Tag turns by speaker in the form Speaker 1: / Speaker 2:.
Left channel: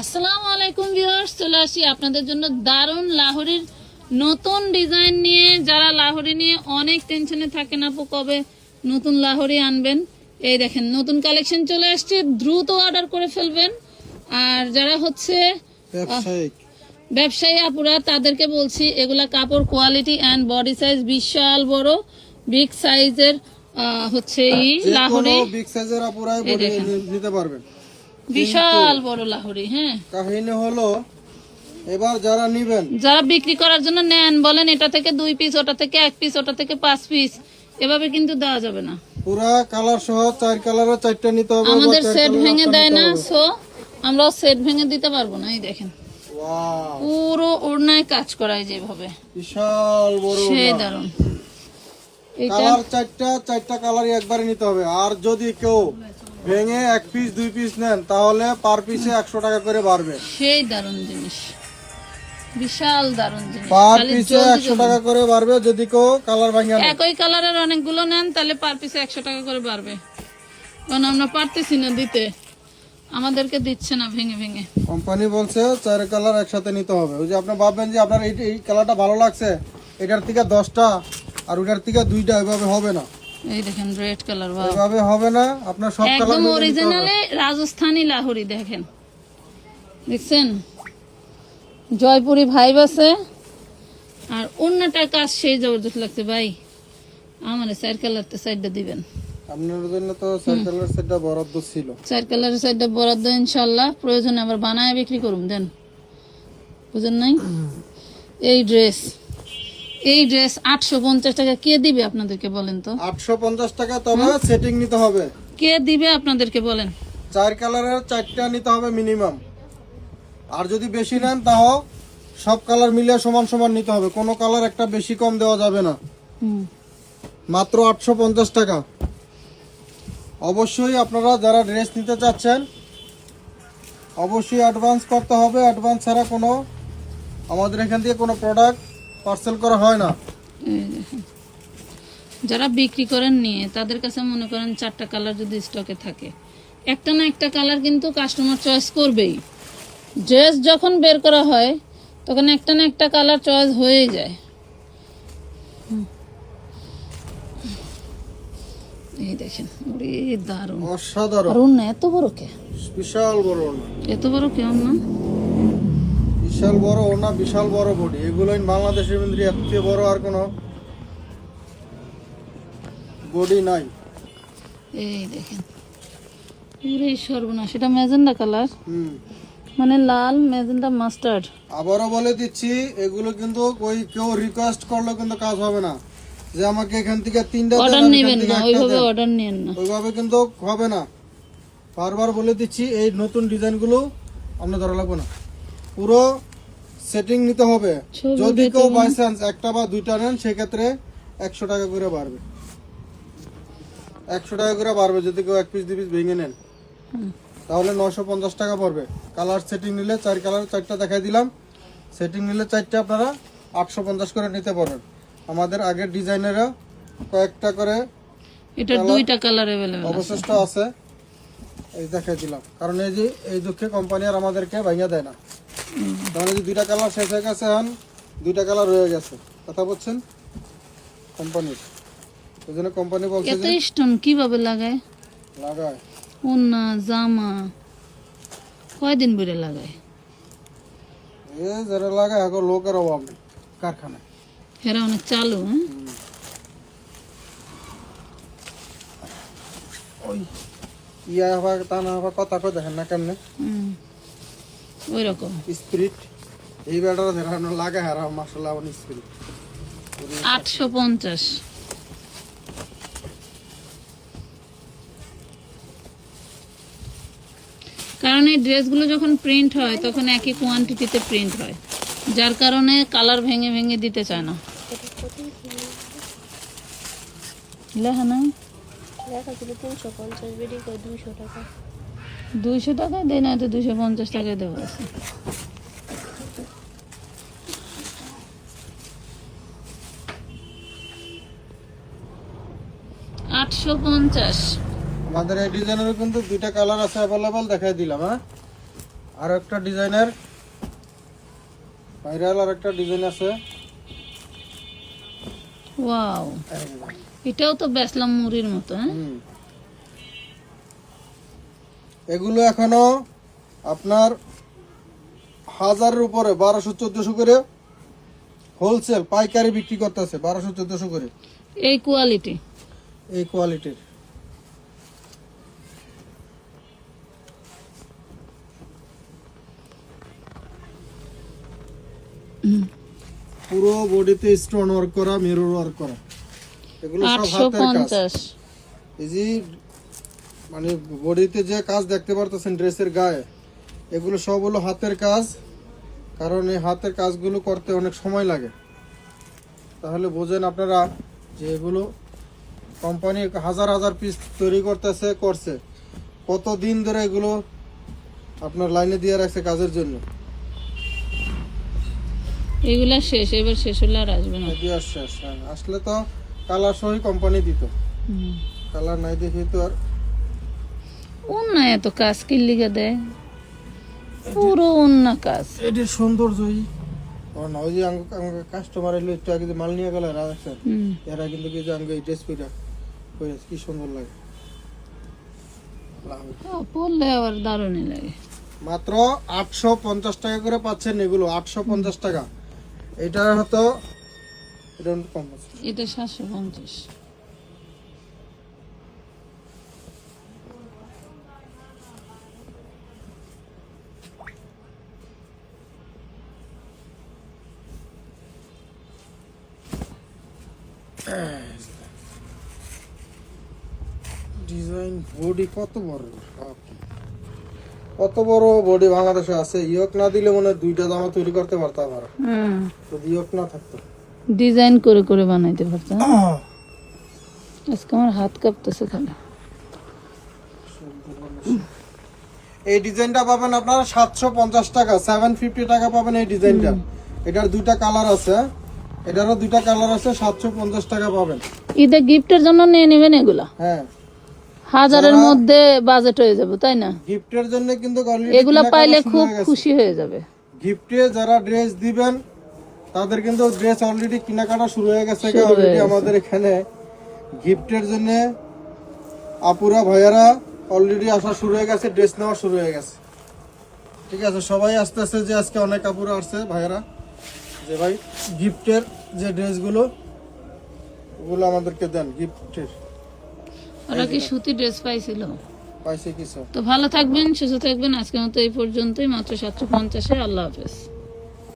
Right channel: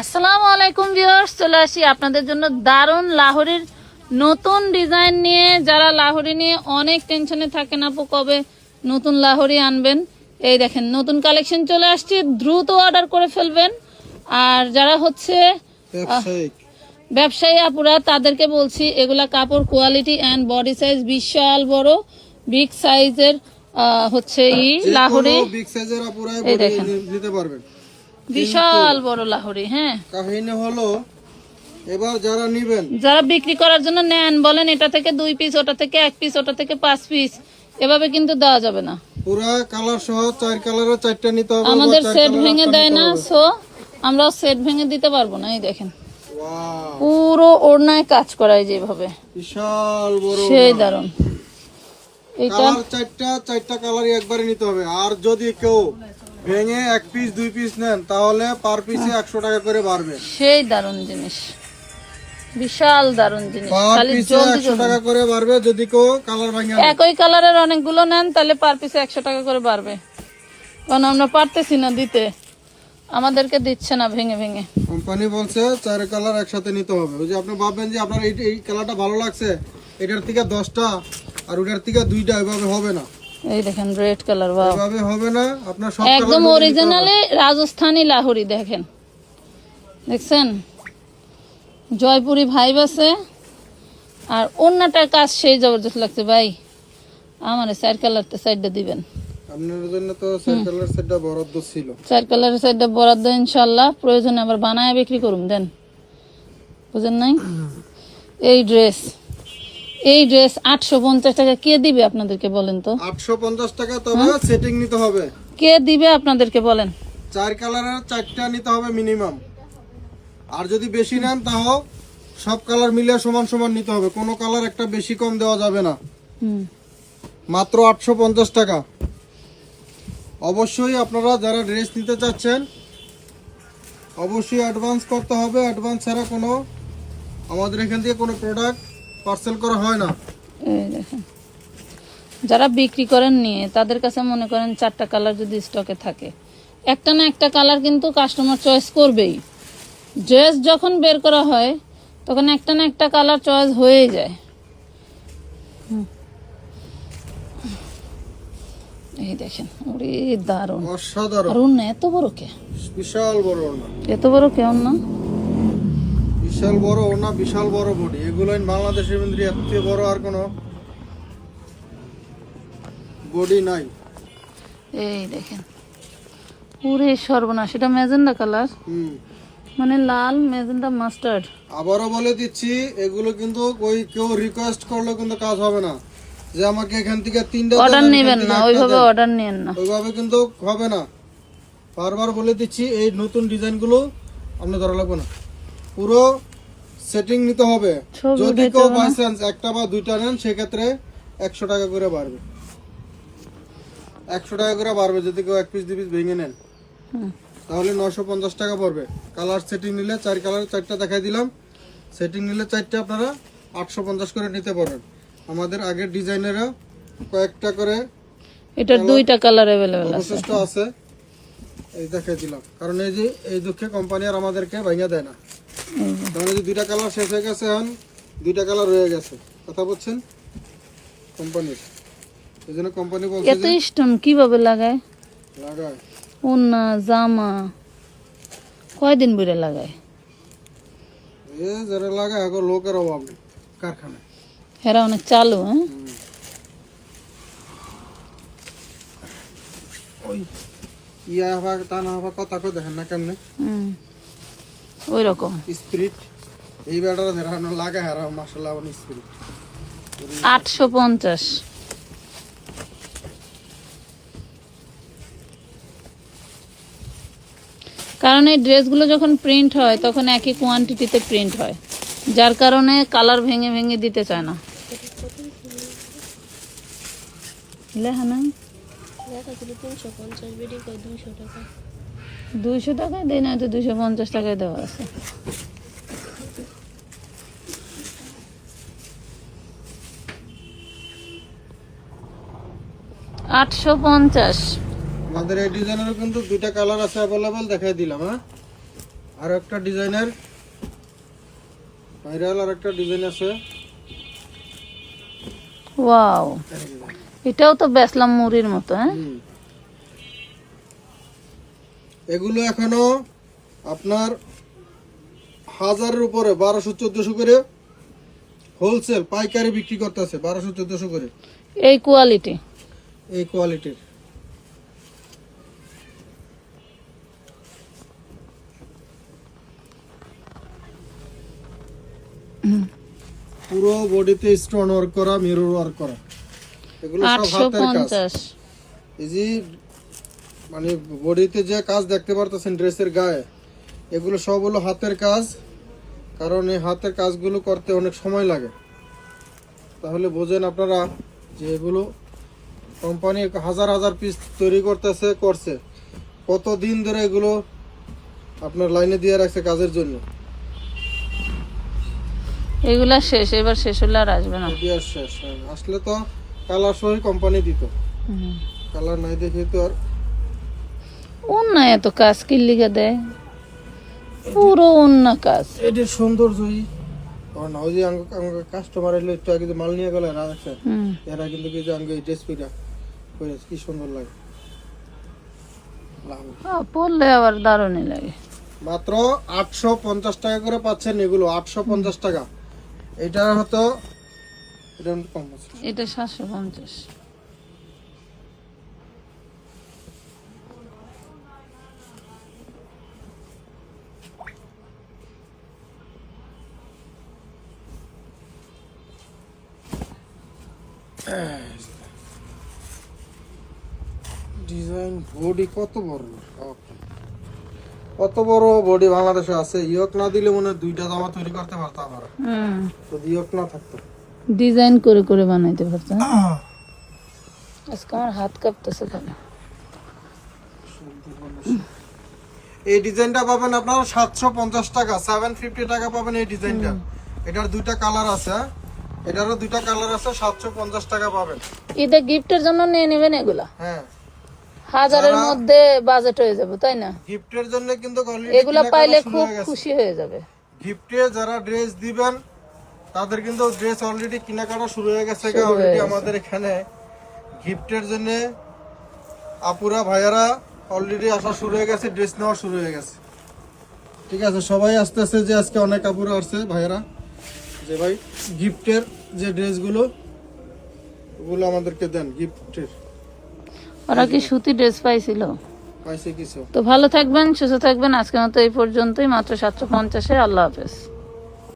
Speaker 1: আসসালামু আলাইকুম ভিউয়ার্স চলে আসি আপনাদের জন্য দারুণ লাহোরির নতুন ডিজাইন নিয়ে। যারা লাহোরি নিয়ে অনেক টেনশনে থাকেন আপু কবে নতুন লাহোরি আনবেন? এই দেখেন নতুন কালেকশন চলে আসছে দ্রুত অর্ডার করে ফেলবেন। আর যারা হচ্ছে ব্যবসায়ী আপুরা তাদেরকে বলছি এগুলা কাপড় কোয়ালিটি অ্যান্ড বডি সাইজ বিশাল বড় বিগ সাইজের হচ্ছে ই লাহোরি।
Speaker 2: বিগ সাইজের
Speaker 1: এই দেখেন।
Speaker 2: নিতে পারবেন।
Speaker 1: বিশাল বড় লাহোরি হ্যাঁ।
Speaker 2: কাহিনী হলো এবার যারা নিবেন
Speaker 1: যারা বিক্রি করার জন্য নেন বলেন এটা থেকে দুই পিস ওটা থেকে এক পিস ওটা থেকে পাঁচ পিস এভাবে কিন্তু দেওয়া যাবে না।
Speaker 2: পুরা কালার সহ চার কালারের চারটা নিতে হবে
Speaker 1: আমাদের সেট ভেঙে দেয় না সো আমরাও সেট ভেঙে দিতে পারব না এই দেখেন। পুরো ওড়নায় কাজ করায় যেভাবে।
Speaker 2: বিশাল বড়
Speaker 1: সেই দারুণ এটা
Speaker 2: কালার চারটা চারটা কালারই একবারে নিতে হবে। আর যদি কেউ ভেঙে এক পিস দুই পিস নেন তাহলে পার পিসে একশো টাকা করে বাড়বে।
Speaker 1: সেই দারুণ জিনিস। বিশাল জিনিস।
Speaker 2: পার পিসে একশো টাকা করে বাড়বে যদি কেউ কালার ভাঙে।
Speaker 1: একই কালারের অনেকগুলো নেন তাহলে পার পিসে একশো টাকা করে বাড়বে। কারণ আমরা পারতেছি না দিতে। আমাদেরকে দিচ্ছে না ভেঙে ভেঙে।
Speaker 2: কোম্পানি বলছে চার কালার একসাথে নিতে হবে। ওই যে আপনি ভাববেন যে আপনার এই এই কালারটা ভালো লাগছে এটার থেকে দশটা আর ওটার থেকে দুইটা এভাবে হবে না।
Speaker 1: এই দেখেন রেড কালার বা
Speaker 2: এভাবে হবে না আপনার সব কালার
Speaker 1: একদম অরিজিনালি রাজস্থানি লাহুরি দেখেন। দেখছেন? জয়পুরি ভাইব আছে। আর অন্যটার কাজ সেই জবরদস্ত লাগছে ভাই। আমার চার কালারটা সাইডটা দিবেন।
Speaker 2: আপনার জন্য তো চার কালার সেটটা বরাদ্দ ছিল।
Speaker 1: চার সাইডটা বরাদ্দ ইনশাল্লাহ প্রয়োজনে আবার বানায় বিক্রি করুন দেন। বুঝেন নাই? এই ড্রেস এই ড্রেস আটশো পঞ্চাশ টাকা কে দিবে আপনাদেরকে বলেন তো?
Speaker 2: আটশো পঞ্চাশ টাকা তবে সেটিং নিতে হবে।
Speaker 1: কে দিবে আপনাদেরকে বলেন?
Speaker 2: চার কালারের চারটা নিতে হবে মিনিমাম আর যদি বেশি নেন তাও সব কালার মিলিয়ে সমান সমান নিতে হবে। কোনো কালার একটা বেশি কম দেওয়া যাবে না। মাত্র আটশো পঞ্চাশ টাকা। অবশ্যই আপনারা যারা ড্রেস নিতে চাচ্ছেন অবশ্যই অ্যাডভান্স করতে হবে। অ্যাডভান্স ছাড়া কোনো আমাদের এখান থেকে কোনো প্রোডাক্ট পার্সেল করা হয় না?
Speaker 1: যারা বিক্রি করেন নিয়ে তাদের কাছে মনে করেন চারটা কালার যদি স্টকে থাকে। একটা না একটা কালার কিন্তু কাস্টমার চয়েস করবেই। ড্রেস যখন বের করা হয় তখন একটা না একটা কালার চয়েস হয়ে যায়। এই দেখেন ওরে দারুণ।
Speaker 2: অসাধারণ।
Speaker 1: এত বড় কে?
Speaker 2: বিশাল বড়
Speaker 1: এত বড় কে অন্য
Speaker 2: বিশাল বড় ওড়না বিশাল বড় বডি। এগুলো বাংলাদেশের মধ্যে এর থেকে বড় আর কোনো বডি নাই।
Speaker 1: এই দেখেন। পুরে সর্বনাশ। এটা ম্যাজেন্ডা কালার।
Speaker 2: হুম।
Speaker 1: মানে লাল ম্যাজেন্ডা মাস্টার্ড।
Speaker 2: আবারও বলে দিচ্ছি এগুলো কিন্তু ওই কেউ রিকোয়েস্ট করলে কিন্তু কাজ হবে না। যে আমাকে এখান থেকে তিনটা
Speaker 1: অর্ডার নেবেন না ওইভাবে অর্ডার নেন না।
Speaker 2: ওইভাবে কিন্তু হবে না। বারবার বলে দিচ্ছি এই নতুন ডিজাইনগুলো আপনি ধরা লাগবে না। পুরো সেটিং নিতে হবে। যদি কেউ বাই চান্স একটা বা দুইটা নেন সেক্ষেত্রে একশো টাকা করে বাড়বে। একশো টাকা করে বাড়বে যদি কেউ এক পিস দুই পিস ভেঙে নেন। তাহলে নশো পঞ্চাশ টাকা পড়বে। কালার সেটিং নিলে চার কালার চারটা দেখাই দিলাম। সেটিং নিলে চারটা আপনারা আটশো পঞ্চাশ করে নিতে পারেন আমাদের আগের ডিজাইনেরও কয়েকটা করে
Speaker 1: এটার দুইটা কালার
Speaker 2: অবশিষ্ট আছে। এই দেখাই দিলাম। কারণ এই যে এই দুঃখে কোম্পানি আর আমাদেরকে ভাঙিয়ে দেয় না। তাহলে যে দুইটা কালার শেষ হয়ে গেছে এখন দুইটা কালার রয়ে গেছে। কথা বলছেন? কোম্পানির। এই জন্য কোম্পানি বলছে
Speaker 1: এত স্টোন কীভাবে লাগায়?
Speaker 2: লাগায়।
Speaker 1: ওন্না জামা কয়দিন বুড়ে লাগায়?
Speaker 2: এ যারা লাগায় এখন লোকের অভাব নেই কারখানায়।
Speaker 1: এরা অনেক চালু হ্যাঁ?
Speaker 2: ওই ইয়া হওয়া তা না হওয়া কথা কই দেখেন না কেমনে?
Speaker 1: হুম। ওই রকম
Speaker 2: স্পিরিট এই বেড়াটা যারা লাগায় হারা মাসাল্লাহ স্পিরিট।
Speaker 1: আটশো পঞ্চাশ। কারণ এই ড্রেসগুলো যখন প্রিন্ট হয় তখন একই কোয়ান্টিটিতে প্রিন্ট হয়। যার কারণে কালার ভেঙে ভেঙে দিতে চায় না। দুইশো টাকা। দেয় না তো দুইশো পঞ্চাশ টাকায় দেওয়া আছে। আটশো পঞ্চাশ।
Speaker 2: আমাদের এই ডিজাইনের কিন্তু দুইটা কালার আছে অ্যাভেলেবল দেখাই দিলাম হ্যাঁ? আর একটা ডিজাইনের ভাইরাল আর একটা ডিজাইন আছে।
Speaker 1: ওয়াও এটাও তো বেসলাম মুড়ির মতো হ্যাঁ।
Speaker 2: এগুলো এখনও আপনার হাজারের উপরে বারোশো চোদ্দশো করে হোলসেল পাইকারি বিক্রি করতেছে বারোশো চোদ্দশো করে।
Speaker 1: এই কোয়ালিটি
Speaker 2: এই কোয়ালিটির পুরো বডিতে স্টোন ওয়ার্ক করা মিরর ওয়ার্ক করা। এগুলো সব হাতের কাজ। এই যে মানে বডিতে যে কাজ দেখতে পারতেছেন ড্রেসের গায়ে এগুলো সব হলো হাতের কাজ। কারণ এই হাতের কাজগুলো করতে অনেক সময় লাগে। তাহলে বোঝেন আপনারা যে এগুলো কোম্পানি হাজার হাজার পিস তৈরি করতেছে করছে। কত দিন ধরে এগুলো আপনার লাইনে দিয়ে রাখছে কাজের জন্য?
Speaker 1: এগুলা শেষ এবার শেষ হলে আর আসবে না।
Speaker 2: দিয়ে আসছে আসছে। আসলে তো কালার সহি কোম্পানি দিত। কালার নাই দেখে তো আর
Speaker 1: অন্য এত কাজ কি লিখে দেয় পুরো অন্য কাজ।
Speaker 2: এটা সৌন্দর্যই। ও ওই যে আমাকে কাস্টমার এলো একটু আগে মাল নিয়ে গেল না এরা কিন্তু কি যে আমাকে এই ড্রেস কইরা কইরা কি সুন্দর লাগে। লাভ।
Speaker 1: আহ, আবার দারুণই লাগে।
Speaker 2: মাত্র আটশো পঞ্চাশ টাকা করে পাচ্ছেন এগুলো আটশো পঞ্চাশ টাকা। এটা হয়তো এটা কম
Speaker 1: এটা সাতশো পঞ্চাশ।
Speaker 2: ডিজাইন বডি কত বড়? কত বড় বডি বাংলাদেশে আছে? ইয়ক না দিলে মনে দুইটা জামা তৈরি করতে পারতাম
Speaker 1: হুম।
Speaker 2: যদি ইয়ক না থাকতো।
Speaker 1: ডিজাইন করে করে বানাইতে পারতো। আজকে আমার হাত কাঁপতেছে কেন?
Speaker 2: এই ডিজাইনটা পাবেন আপনারা সাতশো পঞ্চাশ টাকা সেভেন ফিফটি টাকা পাবেন এই ডিজাইনটা। এটার দুইটা কালার আছে? এটারও দুইটা কালার আছে সাতশো পঞ্চাশ টাকা পাবেন।
Speaker 1: ঈদে গিফটের জন্য নিয়ে নেবেন এগুলা?
Speaker 2: হ্যাঁ।
Speaker 1: হাজারের মধ্যে বাজেট হয়ে যাবে তাই না?
Speaker 2: গিফটের জন্য কিন্তু
Speaker 1: এগুলা পাইলে খুব খুশি হয়ে যাবে।
Speaker 2: গিফটে যারা ড্রেস দিবেন তাদের কিন্তু ড্রেস অলরেডি কেনাকাটা শুরু হয়ে গেছে অলরেডি আমাদের এখানে। গিফটের জন্য আপুরা ভাইয়ারা অলরেডি আসা শুরু হয়ে গেছে ড্রেস নেওয়া শুরু হয়ে গেছে। ঠিক আছে সবাই আস্তে আস্তে যে আজকে অনেক আপুরা আসছে ভাইয়ারা। যে ভাই গিফটের যে ড্রেসগুলো ওগুলো আমাদেরকে দেন গিফটের।
Speaker 1: ওরা কি সুতি ড্রেস পাইছিল?
Speaker 2: পাইছে কিছু।
Speaker 1: তো ভালো থাকবেন সুস্থ থাকবেন। আজকের মতো এই পর্যন্তই মাত্র সাতশো পঞ্চাশে। আল্লাহ হাফেজ।